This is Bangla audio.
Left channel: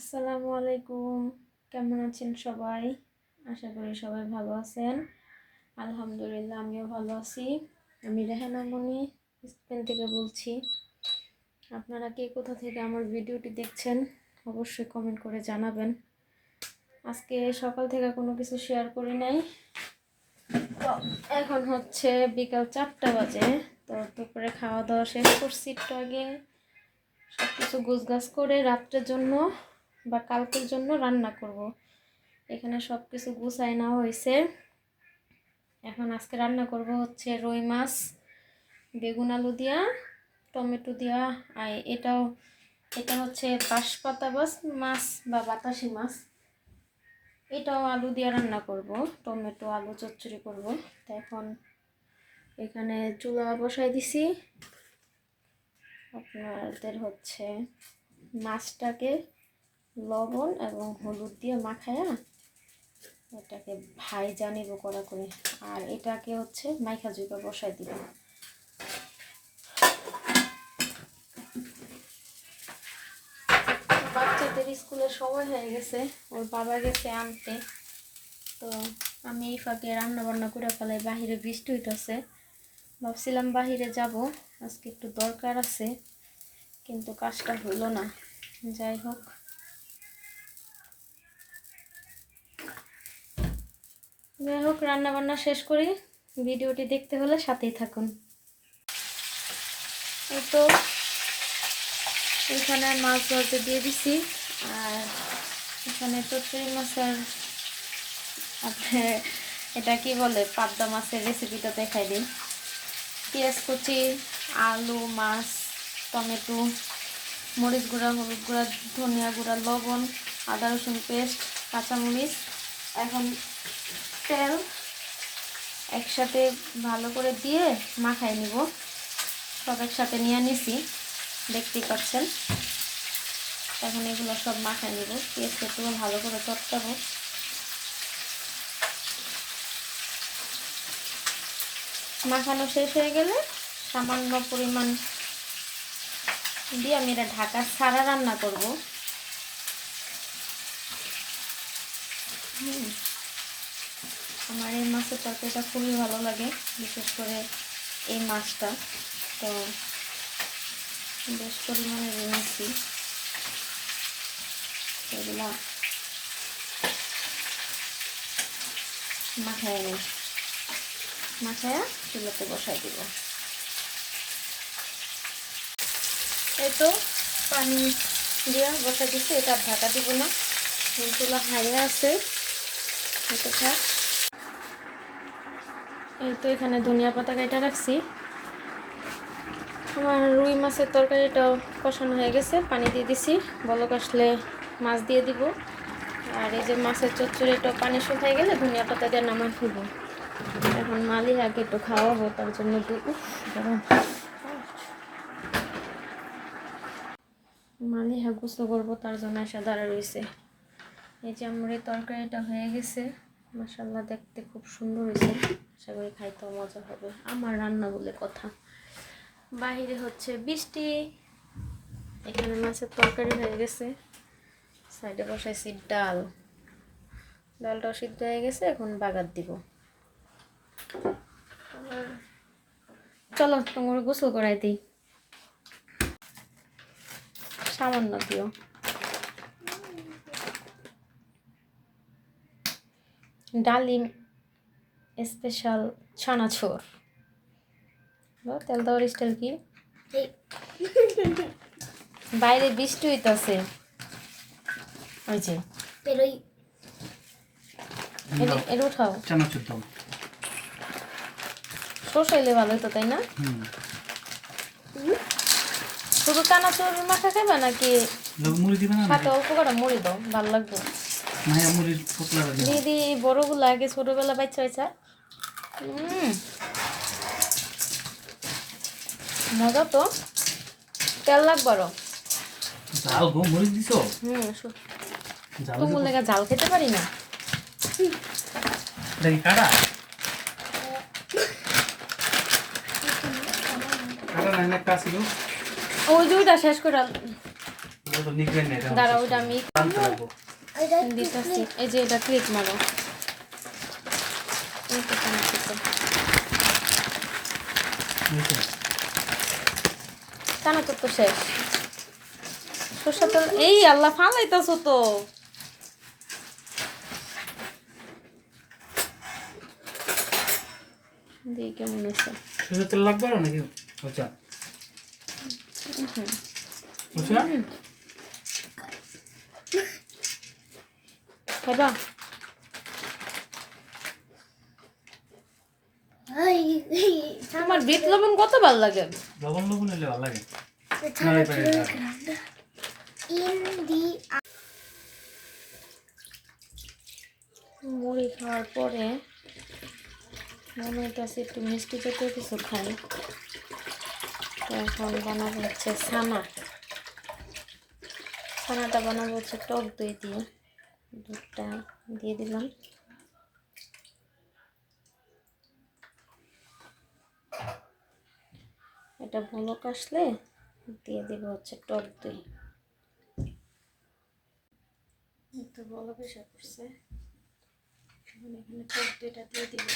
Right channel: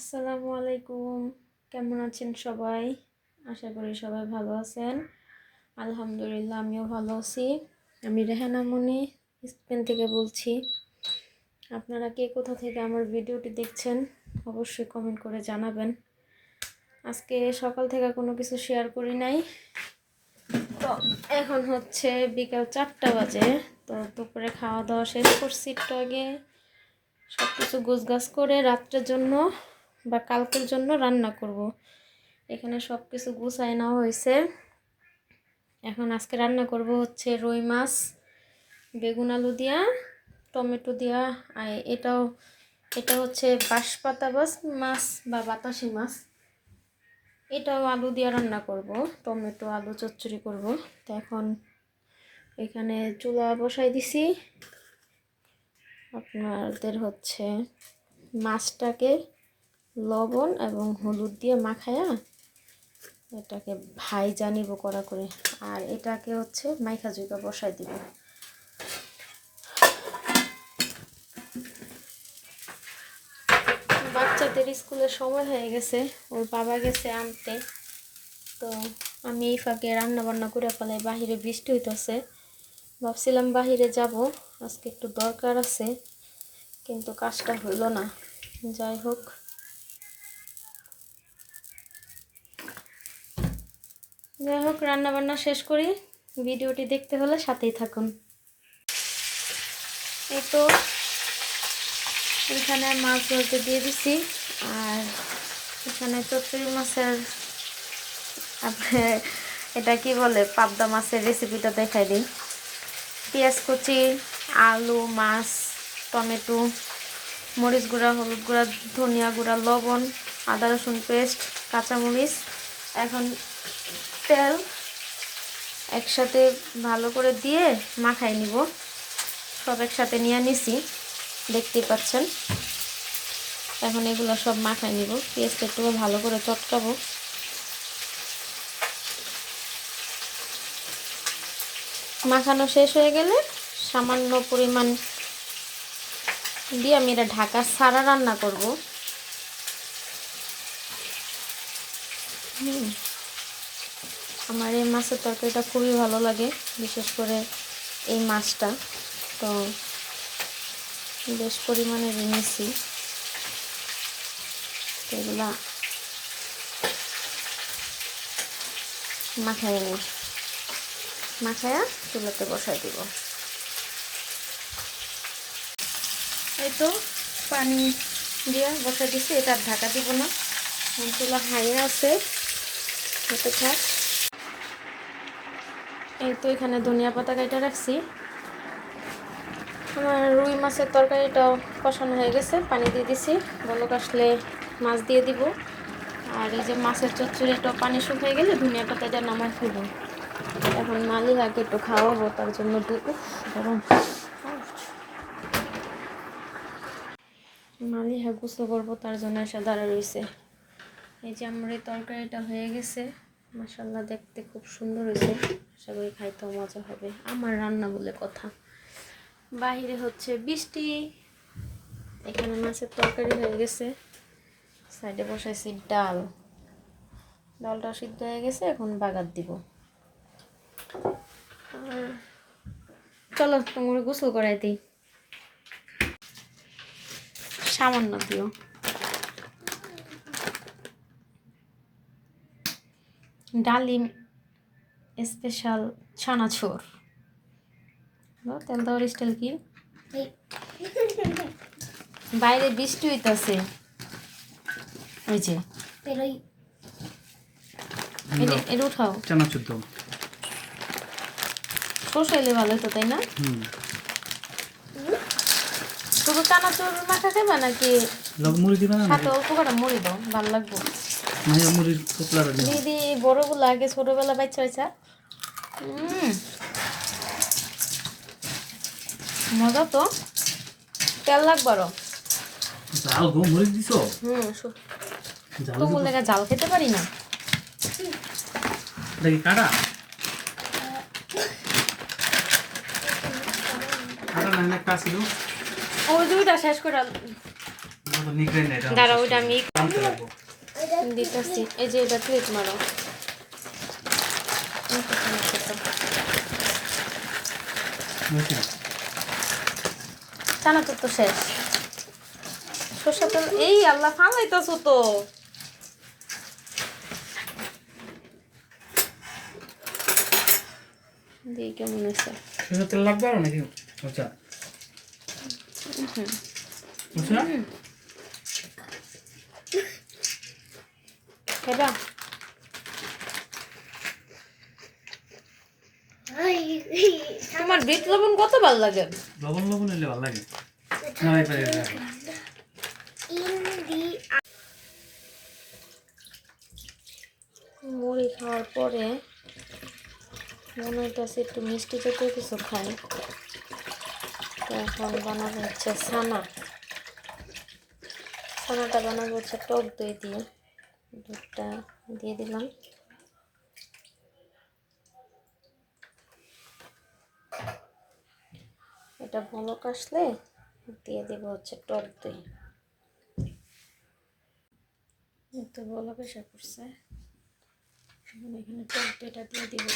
আসসালামু আলাইকুম। কেমন আছেন সবাই? আশা করি সবাই ভালো আছেন। আলহামদুলিল্লাহ আমিও ভালো আছি। আমি রেহানা মনি স্পেন থেকে বলছি। আপনারা কে কোথা থেকে আমার ভিডিওটি দেখছেন অবশ্যই কমেন্ট করে জানাবেন। আজকে সকাল থেকে কোনো কিছু শেয়ার করি নাই, তো এখন হচ্ছে বিকাল 4টা বাজে। তো দুপুরে খাওয়া দাওয়া শেষ করছি, একটু আগে সব কিছু গোছগাছ করে রাত্রের জন্য বা কালকের জন্য রান্না করব। এখানে সব কিছু গুছাই নেওয়া হয়েছে। এখন আজকে রান্না করব হচ্ছে রুই মাছ বেগুন আলু দিয়া, টমেটো দিয়া। আর এটা হচ্ছে বাঁশপাতা মাছ বা বাতাসি মাছ। এটাও আলু দিয়া রান্না করব, টমেটো আলু চচ্চড়ি করব। তো এখন এখানে চুলা বসাই দিছি। আপনাদের হচ্ছে মাছটাকে লবণ এবং হলুদ দিয়ে মাখায়া এটাকে ভাইজা নিব কড়া করে, আর এটাকে হচ্ছে মাইখা জুইকা বসাই দিব। বাচ্চাদের স্কুলের সময় হয়ে গেছে, ওর বাবা গেছে আনতে। তো আমি এই ফাঁকে রান্না বান্না করে ফেলাই। বাহিরে বৃষ্টি হইতেছে, ভাবছিলাম বাহিরে যাব, আজকে একটু দরকার আছে, কিন্তু কাজটা হইল না। যাই হোক, রান্না বান্না শেষ করি। ভিডিওটি দেখতে হলে সাথেই থাকুন। এই তো এখানে মাছ ধরতে দিয়ে দিছি, আর এখানে চচ্চড়ি মাছের এটা কি বলে পাবদা মাছের রেসিপিটা দেখাই দিই। পেঁয়াজ কুচি, আলু, মাছ, টমেটো, মরিচ গুঁড়া, হলুদ গুঁড়া, ধনিয়া গুঁড়া, লবণ, আদা রসুন পেস্ট, কাঁচামরিচ। এখন তেল একসাথে ভালো করে দিয়ে মাখাই নিব। সব একসাথে নিয়ে নিছি, দেখতেই পাচ্ছেন। এখন এগুলো সব মাখাই নিব। পেঁয়াজটা একটু ভালো করে চটকাবো। মাখানো শেষ হয়ে গেলে সামান্য পরিমাণ দিয়ে আমি এটা ঢাকা ছাড়া রান্না করব। আমার এই মাছের তরকারিটা খুবই ভালো লাগে, বিশেষ করে এই মাছটা। তো বেশ পরিমাণে নিয়েছি। এগুলা মাখায়া চুলাতে বসাই দিব। এই তো পানি দিয়ে বসাই দিচ্ছি, এটা ঢাকা দিব না, চুলা হাইয়ে আছে, হতে থাক। এই তো এখানে ধনিয়া পাতা কাটা রাখছি। আমার রুই মাছের তরকারিটাও কষানো হয়ে গেছে, পানি দিয়ে দিছি। বলক আসলে মাছ দিয়ে দিব। আর এই যে মাছের চচ্চড়িটাও পানি শুকিয়ে গেলে ধনিয়া পাতা দিয়ে নামাই ফেলব। এখন মালিহাকে একটু খাওয়াবো, তার জন্য গরম। মালিহা গোসল করবো, তার জন্য এসে দাঁড়া রয়েছে। এই যে আমার এই তরকারিটা হয়ে গেছে, মাশাআল্লাহ দেখতে খুব সুন্দর হয়েছে। আশা করি খাইতেও মজা হবে। আমার রান্না বলে কথা। বাহিরে হচ্ছে বৃষ্টি, এখানে মাছের তরকারি হয়ে গেছে। সাইডে বসাইছি ডালটা সিদ্ধ হয়ে গেছে, এখন বাগার দিব। চলো তোমার গোসল করাই দিই, সামান্য দিও। ডালিম স্পেশাল ছানাছোর। তেল দেওয়ার স্টাইল কি? বাইরে বৃষ্টি হইতাছে, ওই যে এর উঠাও। চানাচুর দাও, শসাইলে ভালো হতো, তাই না? শুধু চানাচুর মাখা খাইবা নাকি মুড়ি দিবা না? সাথে অল্প করে মুড়ি দাও, ভালো লাগবে। মুড়ির পোতলাটা দিবা। দিদি বড়গুলো আগে ছোটবেলা বাচ্চা হয়েছে। মজা তো, তেল লাগবে আরো। জাল গো মরিচ দিছো? তোমার লেগে জাল খেতে পারি না। দেখি কাটা কাটা না কাছে দাও। ওই দুইটা শেষ করে তো নিকরাই না এটা দাঁড়া ওইটা আমি আনতে লাগবো দিতেছি। এই যে এটা ক্লিপ মারো। এই তো টানা খেতো। টানা তো শেষ। সরষের তেল এই আল্লাহ ফালাইতাছো তো। দিয়ে কেমন হয়েছে? সরষের তেল লাগবে আর নাকি আচ্ছা আচ্ছা খাইবা? তোমার বিট লবণ কত ভালো লাগে? লবণ লবণ হলে ভালো লাগে না এই পারে না মুড়ি খাওয়ার পরে মনে হইতেছে একটু মিষ্টি জাতীয় কিছু খাই। তো এখন বানাবো হচ্ছে ছানা। ছানাটা বানাবো হচ্ছে টক দই দিয়ে। দুধটা দিয়ে দিলাম। এটা বলক আসলে দিয়ে দেবো হচ্ছে টক দই। তো বলক এসে করছে, এখানে টক দইটা দিয়ে দিব।